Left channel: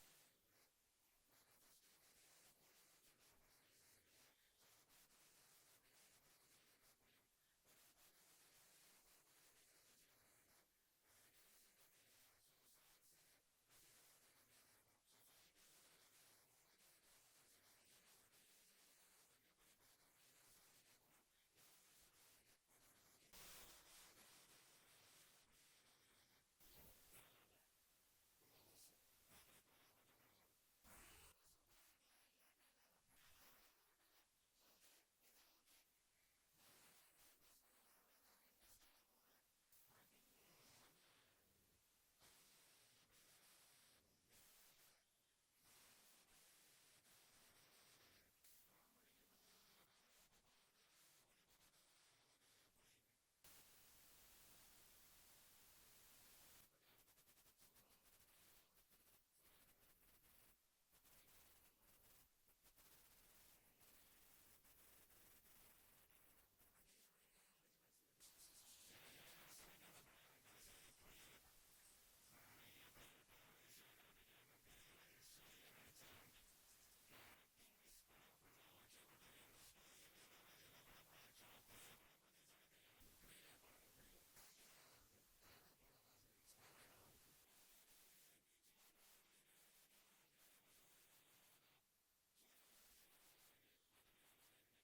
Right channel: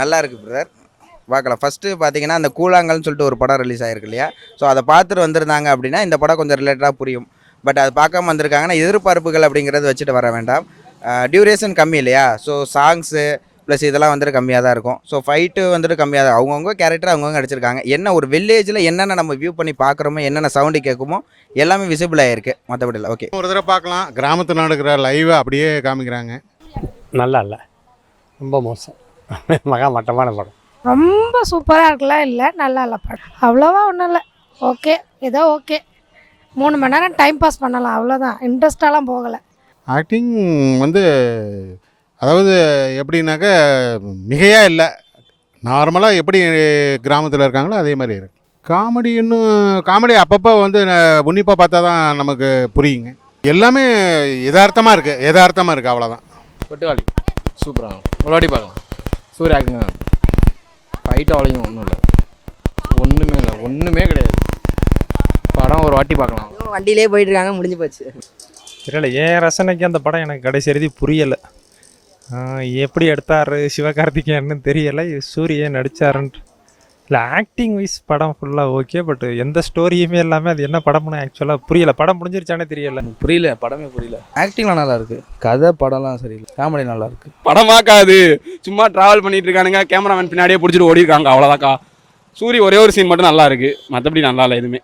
நல்லா இருக்குது பிரதர், பார்க்கலாம். ஃபஸ்ட்டு பார்த்தீங்கன்னா அந்த கூழாங்கல்னு சொல்லிட்டு ஒரு படம் ரிலீஸ் ஆகிருக்கு இல்லையா? ஸோ அதை பார்த்துட்டு வந்திருந்தாங்க அப்படின்னா இந்த படம் கொஞ்சம் ரிலேட்டடாக புரியும். பட் அது பார்க்காம வந்திருக்காங்கன்னா எதிர்பார்ப்புகள் அப்படிங்கிறது வச்சுட்டு வர வேண்டாம். டியூரேஷன் கம்மி இல்லையா? ஸோ சாங்ஸு ப்ளஸ் இதெல்லாம் வந்துட்டு கம்மியாக தான் இருக்கும். ஸோ ஃபைட்டு வந்துட்டு கம்மியாக தான், அவங்கவுங்க கேரக்டர் அவங்கவுங்க நடிச்சிருக்காங்க. என்ன ஒரு வில்லேஜில் என்னென்ன நம்ம வியூ பண்ணி பார்க்குறோமோ, என்னென்ன சவுண்டு கேட்குமோ எல்லாமே விசிபிள் ஆகிருக்கு. மற்றபடி இல்லை. ஓகே, ஒரு தடவை பார்க்கலாம். கிராமத்தில் நடக்கிற லைவை அப்படியே காமிக்கிறாங்க. நல்லா இல்லை, ரொம்ப மோசம். மட்டமான படம். ரொம்ப சூப்பராக இருக்கலாம் இல்லை, நல்லா இல்லை படம். அவ்வளோவா ஒன்றும் இல்லை, ஓகே, ஏதோ ஓகே. 3 மணி நேரம் டைம் பாஸ் பண்ணலாம், அவ்வளோதான். இன்ட்ரெஸ்டாலாம் போகலை. ஆக்டிங் வந்து அதாவது எப்படின்னாக்க மிகையாக இல்லை, நார்மலாக எப்படி கிராமத்தில் இருக்காங்களோ அதே மாதிரி இருக்கு. காமெடி அப்பப்போ வந்து உன்னிப்பாக பார்த்தா தான் நமக்கு புரியுங்க. எல்லாமே யதார்த்தமாக இருக்குது அவ்வளோதான். கொட்டுவாளி சூப்பராக ஒரு வாட்டி பார்க்கலாம். சூரிய ஆக்குங்க ஃபைட் அவ்வளோயும் ஒன்றுமே கிடையாது. படம் ஒரு வாட்டி பார்க்கலாம். வண்டியிலே போயிட்டு இருக்காங்க, முடிஞ்சு போச்சு. தெரியல, என் ரசனைக்கு அந்த படம் எனக்கு கடைசி எழுதி புரியலை. எப்படி எடுத்தார் சிவகார்த்திகேயன்னு தெரியலை, சூரியன் நடித்தாருன்ட்டு. இல்லை, ஆக்டிங் வைஸ் படம் ஃபுல்லாக ஓகே, பட் எந்த ஸ்டோரியுமே எல்லாமே அது என்ன படம்னு ஆக்சுவலாக புரியலை. படம் முடிஞ்சிருச்சானே தெரியல, புரியல, படமே புரியல. ஆக்டிங்லாம் நல்லா இருக்குது, கதை படம்லாம் சரியில்லை, காமெடி நல்லா இருக்குது. படம் பார்க்காது, சும்மா ட்ராவல் பண்ணிட்டு இருக்கானுங்க, கேமராமேன் பின்னாடியே பிடிச்சிட்டு ஓடி இருக்காங்க, அவ்வளோதாக்கா. சூரிய ஒரே ஒரு சீன் மட்டும் நல்லா இருக்குது, மற்றபடி நல்லா இல்லை எதுவுமே.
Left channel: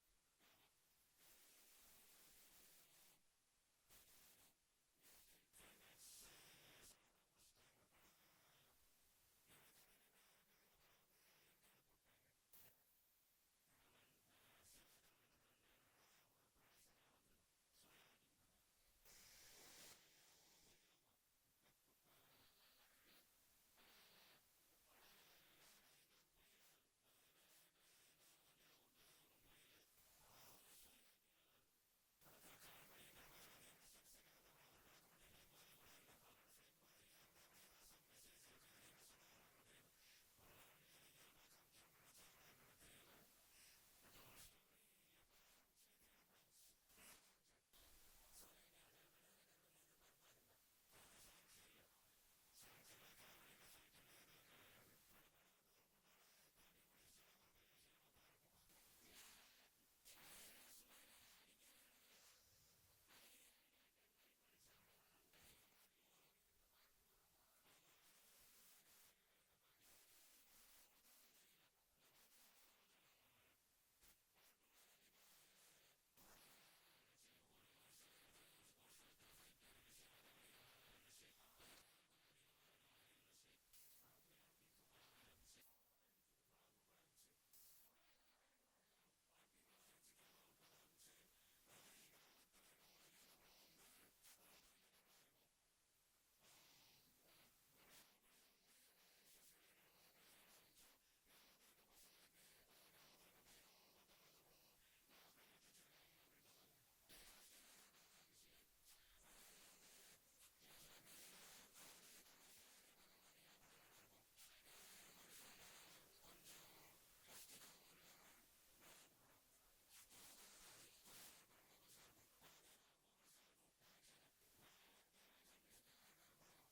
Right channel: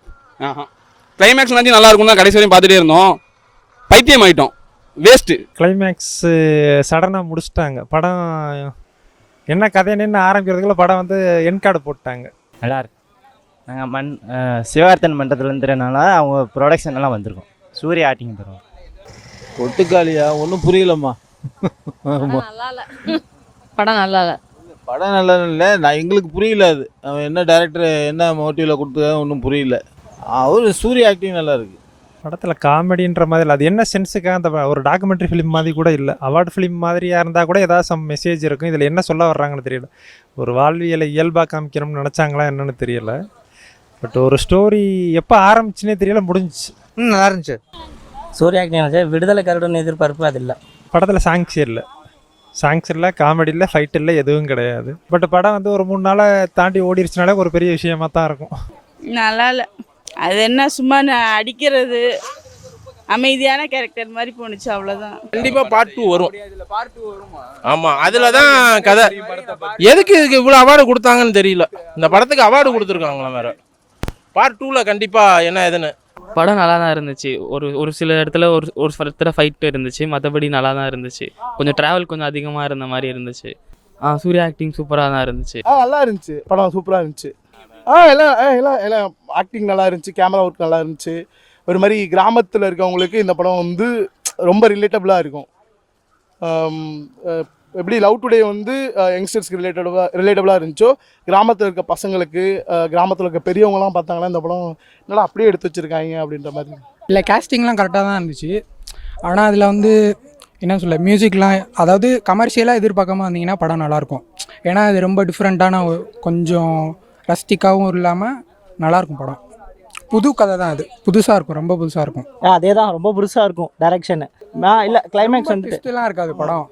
கிளைமேக்ஸ் நல்லா இருக்கும் தான் கடைசி வரையும் பார்த்துட்டே இருந்தோம், பைத்தியம் ஆகிட்டோம், வேஸ்ட்டு. கிளைமேக்ஸு சடனாக முடிச்சிட்டாங்க. படம் என்ன கதைன்னு ஆரம்பிக்கிறதுக்குள்ள படம் வந்து என் கார்டு போட்டாங்க. நல்லா இருக்கு. நாங்கள் சிவகார்த்தன் மன்றத்துலேருந்துனால அவங்க ப்ரொடக்ஷன் எல்லாம் வந்திருக்கோம். சூரிய ஆக்டிங் தருவோம். ஒட்டுக்காலியா ஒன்றும் புரியலம்மா. நல்லா இல்லை படம், நல்லா இல்லை படம் நல்லா இல்லை, எங்களுக்கு புரியல. அது அவன் என்ன டேரக்டர் என்ன மோட்டிவில் கொடுத்தா ஒன்றும் புரியல. அவர் சூரிய ஆக்டிங் நல்லா இருக்குது. படத்தில் காமெடின்ற மாதிரி இல்லை, அது என்ன சென்ஸுக்காக அந்த ஒரு டாக்குமெண்ட்ரி ஃபிலிம் மாதிரி கூட இல்லை, அவார்டு ஃபிலிம் மாதிரியாக இருந்தால் கூட ஏதாவது சம் மெசேஜ் இருக்கும். இதில் என்ன சொல்ல வர்றாங்கன்னு தெரியல. ஒரு வாழ்வியலை இயல்பாக காமிக்கணும்னு நினச்சாங்களா என்னன்னு தெரியல. பட் ஒரு ஸ்டோரி எப்போ ஆரம்பிச்சுன்னே தெரியல, முடிஞ்சிச்சு. நல்லா இருந்துச்சு. சூரிய ஆக்டிங் விடுதலை கருடன் எதிர்பார்ப்பு அது இல்லை. படத்தில் சாங்ஸ் இல்லை, காமெடி இல்லை, ஃபைட் இல்லை, எதுவும் கிடையாது. பட் படம் வந்து ஒரு 3 நாளை தாண்டி ஓடிடுச்சுனாலே ஒரு பெரிய விஷயமா தான் இருக்கும். நல்லா இல்லை, அது என்ன சும்மா அடிக்கிறது, அமைதியான கேரக்டர் மாதிரி போணுச்சு, அவ்வளோதான். கண்டிப்பாக பார்ட் 2 வரும். ஆமாம், அதில் தான் கதை. எதுக்கு இதுக்கு இவ்வளோ அவார்டு கொடுத்தாங்கன்னு தெரியல. இந்த படத்துக்கு அவார்டு கொடுத்துருக்காங்களாம் வேறு. பார்ட் 2ல் கண்டிப்பாக என்ன எதுன்னு. படம் நல்லா தான் இருந்துச்சு. ஒரு சில இடத்துல ஒரு இடத்துல ஃபைட்டு இருந்துச்சு, மற்றபடி நல்லா தான் இருந்துச்சு. கொஞ்சம் ட்ராவல் கொஞ்சம் அதிகமாக இருந்த மாதிரி இருந்துச்சு. சூர்யா ஆக்டிங் சூப்பராக தான் இருந்துச்சு. நல்லா இருந்துச்சு, படம் சூப்பராக இருந்துச்சு. எல்லாம் ஆக்டிங் நல்லா இருந்துச்சு, கேமரா ஒர்க் நல்லா இருந்துச்சு. ஒரு மாதிரி கிராமத்தில் இருக்கவங்களுக்கு இந்த படம் வந்து ரொம்ப ரிலேட்டபுளாக இருக்கும். எப்படி லவ் டுடே வந்து யங்ஸ்டர்ஸ்க்கு ரிலேட்டபுளாக இருந்துச்சோ, கிராமத்தில் இருக்க பசங்களுக்கு, கிராமத்தில் இருக்க பெரியவங்களாம் பார்த்தாங்கன்னா இந்த படம் நல்லா அப்படியே எடுத்து வச்சுருக்காங்க அப்படின்ற மாதிரி. இல்லை, கேஸ்டிங்லாம் கரெக்டாக தான் இருந்துச்சு. ஆனால் அதில் வந்து என்ன சொல்ல, மியூசிக்லாம் அதாவது கமர்ஷியலாக எதிர்பார்க்காம வந்தீங்கன்னா படம் நல்லாயிருக்கும். ஏன்னா அது ரொம்ப டிஃப்ரெண்ட்டான கொஞ்சம் ரஸ்டிக்காகவும் இல்லாமல் நல்லாயிருக்கும் படம். புது கதை தான், அது புதுசாக இருக்கும், ரொம்ப புதுசாக இருக்கும். அதே தான், ரொம்ப புதுசாக இருக்கும் டைரக்ஷனு. இல்லை, கிளைமேக்ஸ் வந்து ட்விஸ்ட்லாம் இருக்காது படம்,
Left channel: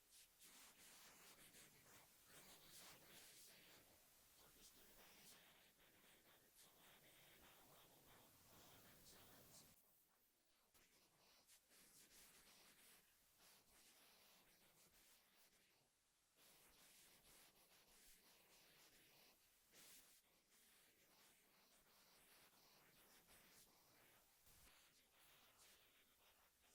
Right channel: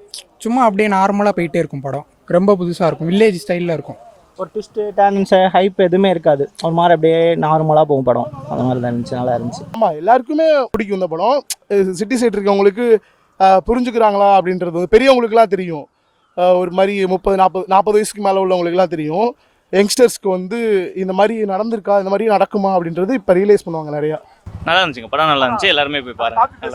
சும்மா அப்படியே நார்மலாக போயிட்டே இருக்கும் படம். ரொம்ப புதுசாக இருக்கும், வில்லேஜ் ஸ்டைலில் இருக்கும். ஒரு ட்விஸ்ட்டு டர்ன்ஸு ஹைப் எதுவுமே இருக்காது, ஒரு மாதிரி அப்படியே நார்மலாக போகும் படம். அந்த மாதிரி தான் இருந்துச்சு, நல்லா இருந்துச்சு. ஆமாம், எல்லாருக்குமே பிடிக்கும் இந்த படம். சிட்டி சைட் இருக்கவங்களுக்கு புரிஞ்சுக்கிறாங்களா அப்படின்றது பெரியவங்களுக்குலாம் தெரியும். ஒரு மாதிரி 30-40 வயசுக்கு மேலே உள்ளவங்களுக்குலாம் தெரியும். யங்ஸ்டர்ஸ்க்கு வந்து இந்த மாதிரி நடந்திருக்கா, இந்த மாதிரி நடக்குமா அப்படின்றது இப்போ ரியலைஸ் பண்ணுவாங்க நிறையா. நல்லா இருந்துச்சுங்க, படம் நல்லா இருந்துச்சு, எல்லாருமே போய் பாருங்க.